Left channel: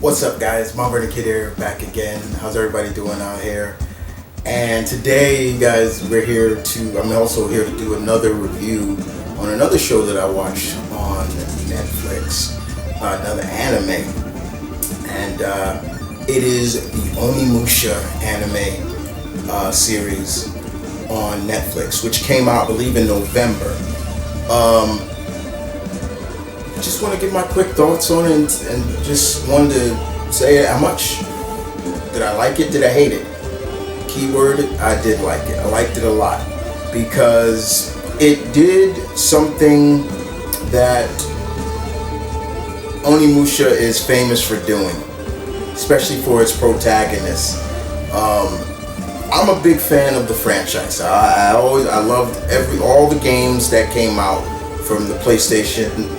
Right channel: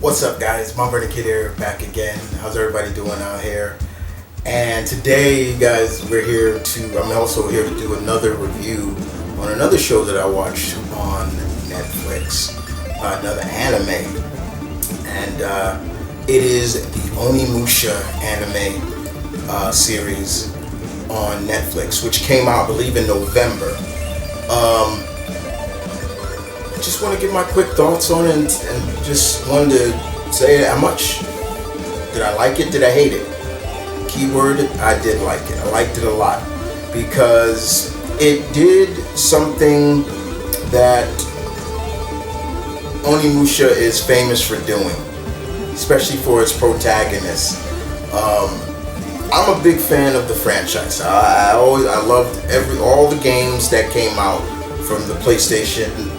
What's up, guys? Mom Vernon Kid here, back again. How's everybody doing out here? And today, guys, I'm also here to do another review on another show that I watched on Netflix, another anime. And it is the Onimusha anime series on Netflix, which came out, I believe, in November. I just want to give my quick thoughts on it and just wanted to say how much did I like it, did I hate it? Keyword, I did like it. I liked it a lot because it did something that Onimusha is famous for doing, especially for its protagonist. I'm a big fan of the franchise. I loved all the games that came out from the PlayStation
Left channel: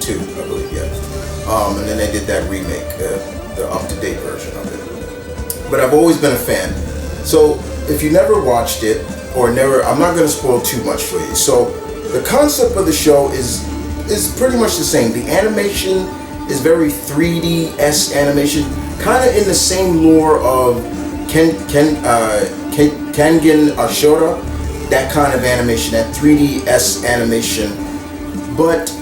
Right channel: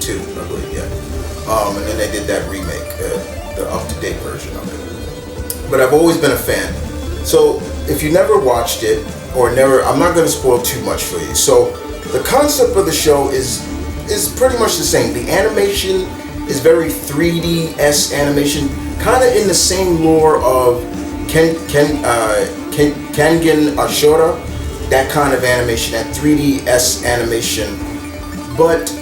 2, I believe, yeah. And then they did that remake, the up-to-date version of it. But I've always been a fan. So if you never watched it, I'm not going to spoil too much for you. So the concept of the show is pretty much the same. The animation is very 3D-esque animation, kind of in the same lore of Kengan Ashura, that kind of animation, that 3D-esque animation. But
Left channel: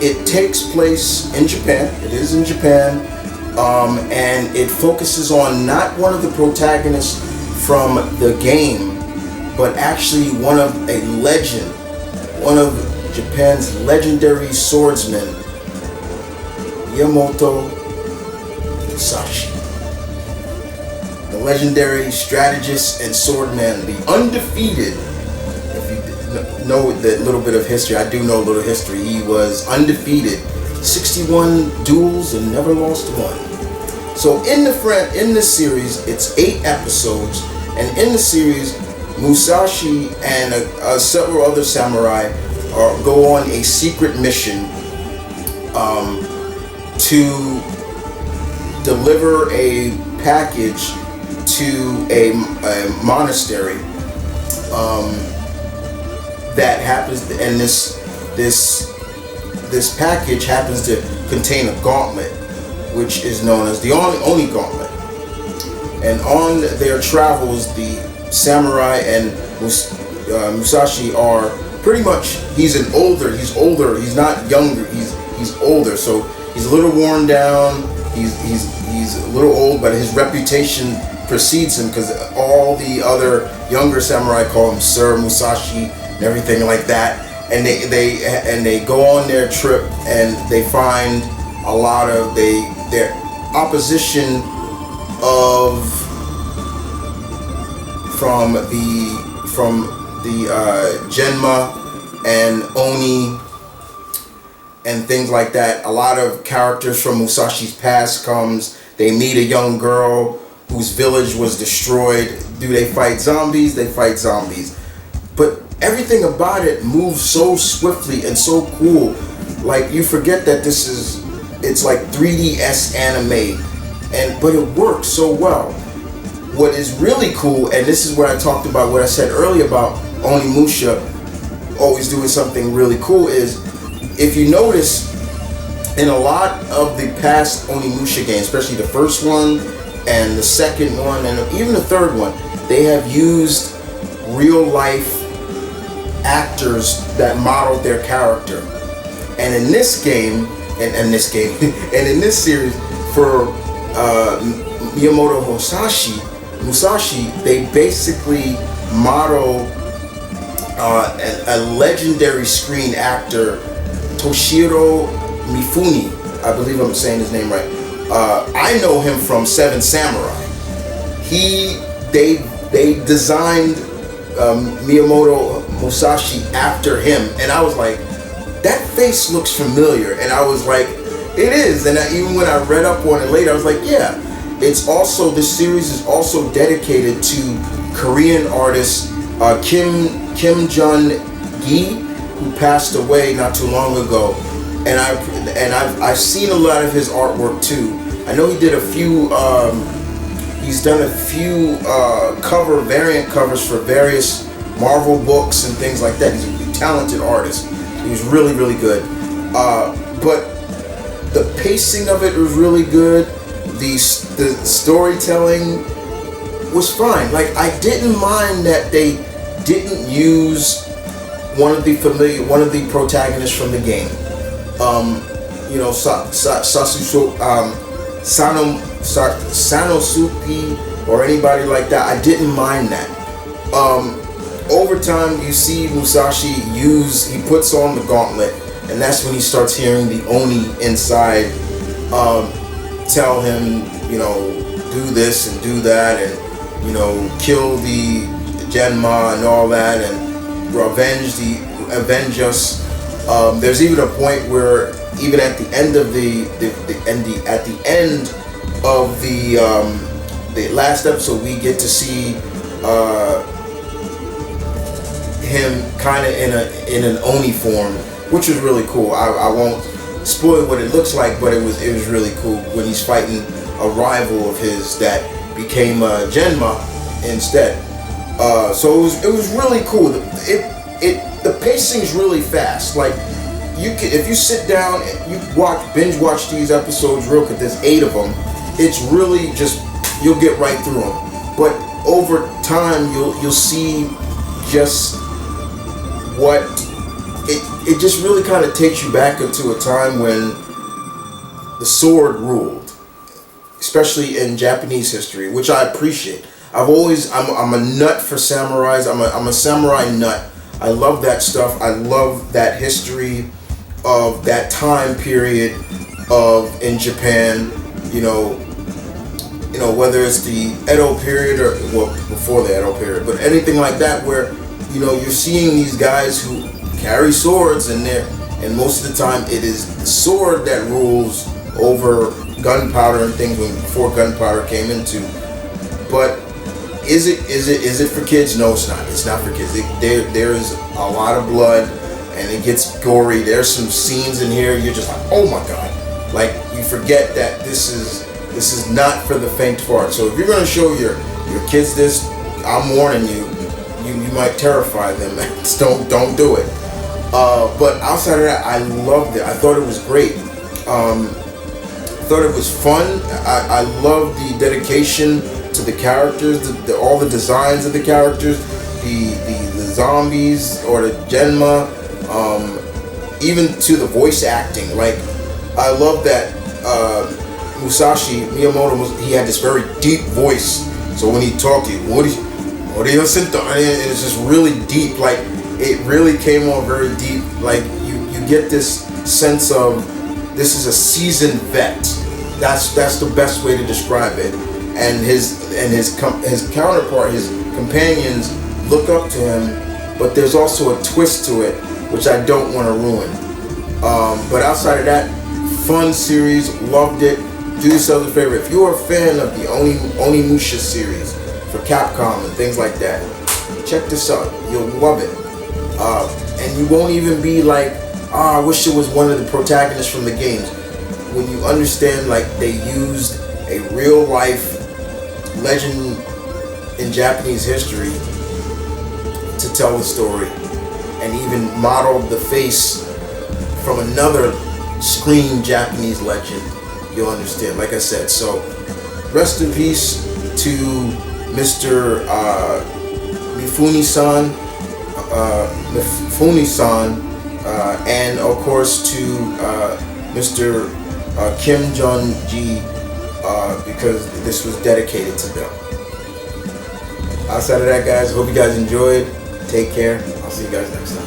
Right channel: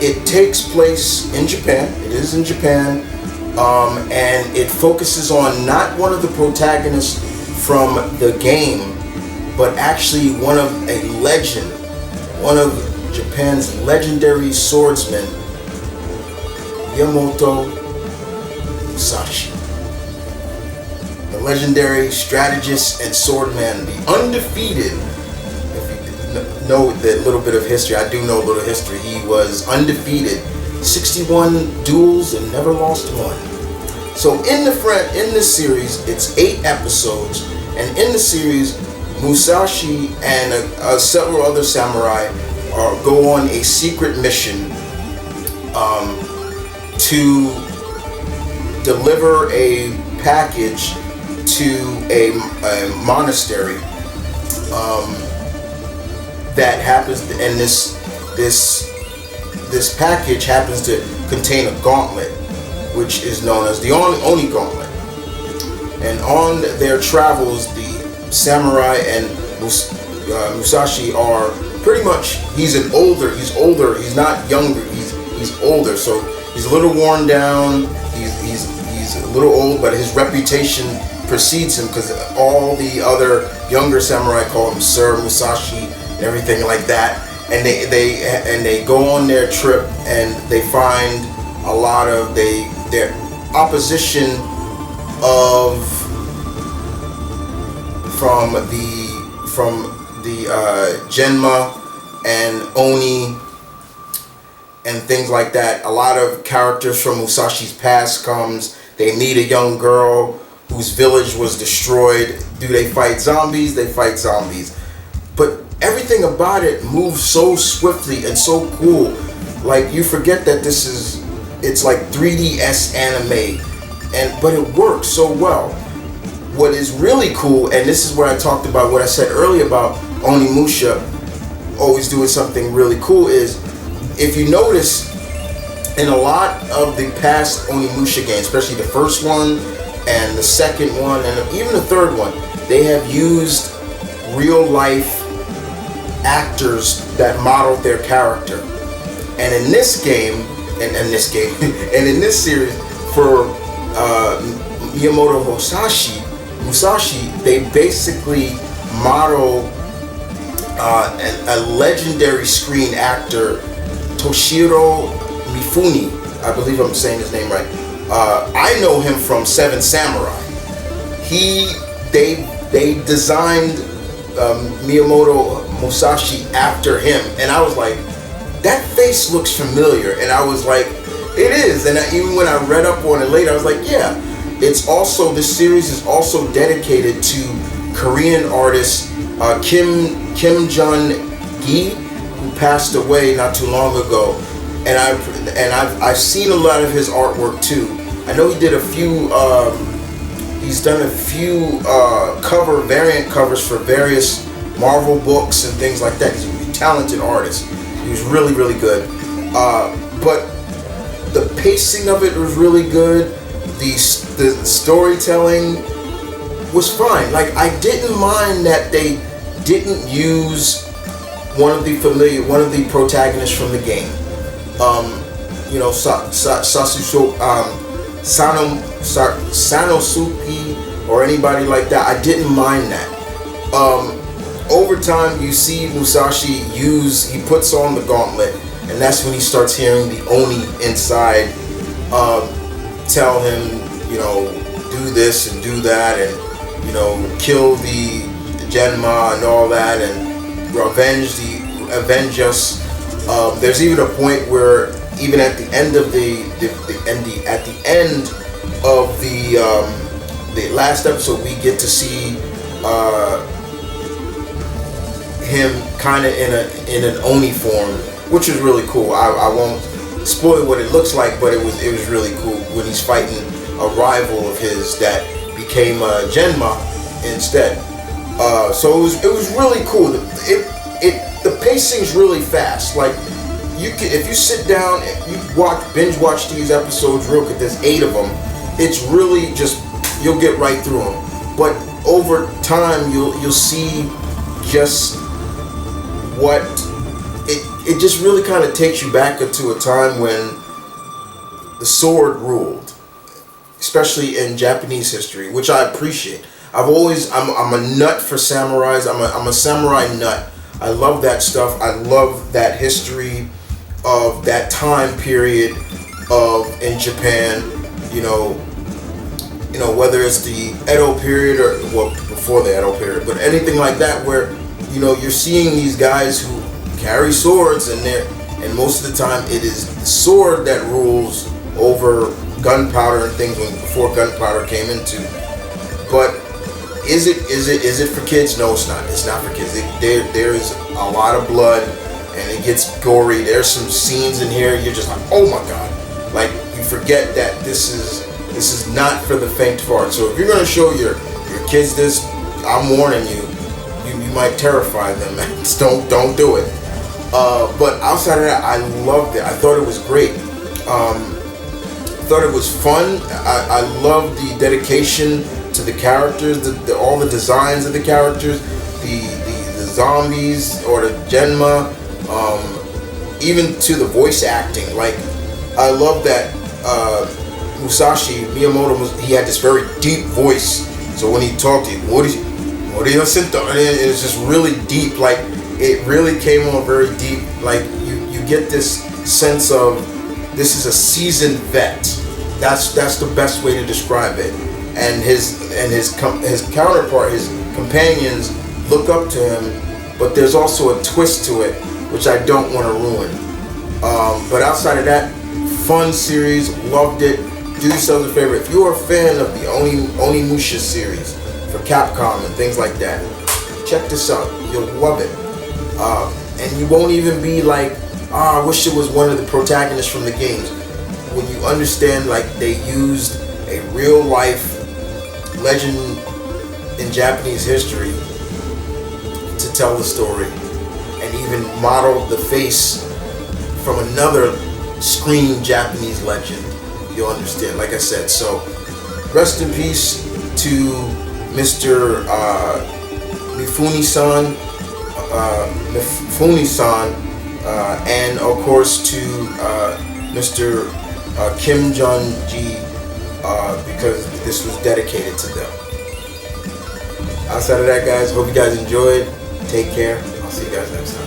it takes place in Japan. It is in Japan. And it focuses on not one of the protagonists from the game, but actually one of Japan's legendary swordsmen, Miyamoto Musashi. The legendary strategist and swordman, the undefeated. If you know that little bit of history, I do know a little history. He was undefeated, 61 duels and never lost one. So in this series, it's 8 episodes, and in the series, Musashi and several other samurai go on a secret mission to deliver a package to a monastery that happens, and this package happens to contain a gauntlet, which is known as the Oni Gauntlet. And on their travels, the samurai and Musashi are pretty much, he's older, he's not younger, he's older, so he's a little worn down, he's a little old, but his reputation precedes him because all the other younger samurai call him Sir Musashi and everything like that. And they go on their trip, and they find a lot of their opposition from the Genma and Oni and things like that. A lot of characters from Musashi's past comes. They meet a young girl whose village was destroyed. Do they fight zombies? They fight zombies. But everything about it moves so swiftly and so cool. Like, you forget that it's like 3D-esque anime, but it works so well. What is really cool, and this is where I talked about what I said earlier about Onimusha always doing something really cool, is if you notice in a lot of the past Onimusha games, especially the first one and the second one and even the third one, they have used real life actors that modeled their character. And in this game, and in this series, for Miyamoto Musashi, they basically model a legendary screen actor, Toshiro Mifune. I believe I'm saying his name right. I know him from Seven Samurai. They designed Miyamoto Musashi after him, and I was like, that face looks familiar, and I was like, it is. And even when I read up on it later, I was like, yeah. This series is also dedicated to Korean artist Kim Jun-gi, who passed away not too long ago, and I've seen a lot of his artwork too. I know he did a few. He's done a few variant covers for various Marvel books and things like that. He's a talented artist. He was really, really good. But the pacing of it was really good. The storytelling was fine. Like, I didn't mind that they didn't use one of the protagonists from the game. Sanosuke or anybody like that. I didn't mind that. Over time, you see Musashi he puts on the gauntlet, and that's when he starts hearing the Oni inside tell him, do this and do that, and kill the Genma and all that, and avenge us. There's even a point where even at the end of the last episode, we get to see him kind of in an Oni form, which is really cool. I won't spoil what it looks like, but it was really cool when he's fighting a rival of his that became Genma instead. So it was really cool. The pacing's really fast. Like, if you sit down, you binge watch these episodes real quick. There's 8 of them. It's really just, you'll get right through them. But over time, you'll see just what it just really kind of takes you back into a time when the sword ruled, especially in Japanese history, which I appreciate. I'm a nut for samurais. I'm a samurai nut. I love that stuff. I love that history of that time period in Japan. Whether it's the Edo period or before the Edo period, but anything like that, where you're seeing these guys who carry swords, and most of the time it is the sword that rules over gunpowder and things before gunpowder came into. But is it for kids? No, it's not. It's not for kids. There is a lot of blood, and it gets gory. There's some scenes in here you're just like, oh my god! Like, you forget that this is not for the faint of heart. So if you're gonna show your kids this, I'm warning you. You might terrify them. Don't do it. But outside of that, I loved it. I thought it was great. Thought it was fun. I love the dedication to the characters, all the designs of the characters, the zombies or the Genma, even to the voice acting. Like, I love that Miyamoto he had this very deep voice. So when he talked, and it's just really deep. Like, it really came on very deep. Like, you get this sense of this is a seasoned vet. That's the best way to describe it. And his counterpart, his companions, look up to him, but there's also a twist to it, which I don't want to ruin. But outside of that, fun series, loved it. Do yourselves a favor. If you're a fan of the Onimusha series for Capcom and things like that, check this out. You'll love it. And you won't even be like, I wish it was one of the protagonists from the games. When you understand, like, they used a real life legend in Japanese history to tell the story, and even modeled the face from another screen Japanese legend, you'll understand. Like I said, so rest in peace to Mr. Mifune-san, and of course to Mr. Kim Jong-ji, because this was dedicated to them. Outside of that, guys, hope you guys enjoyed. Take care. I'll see you guys next time.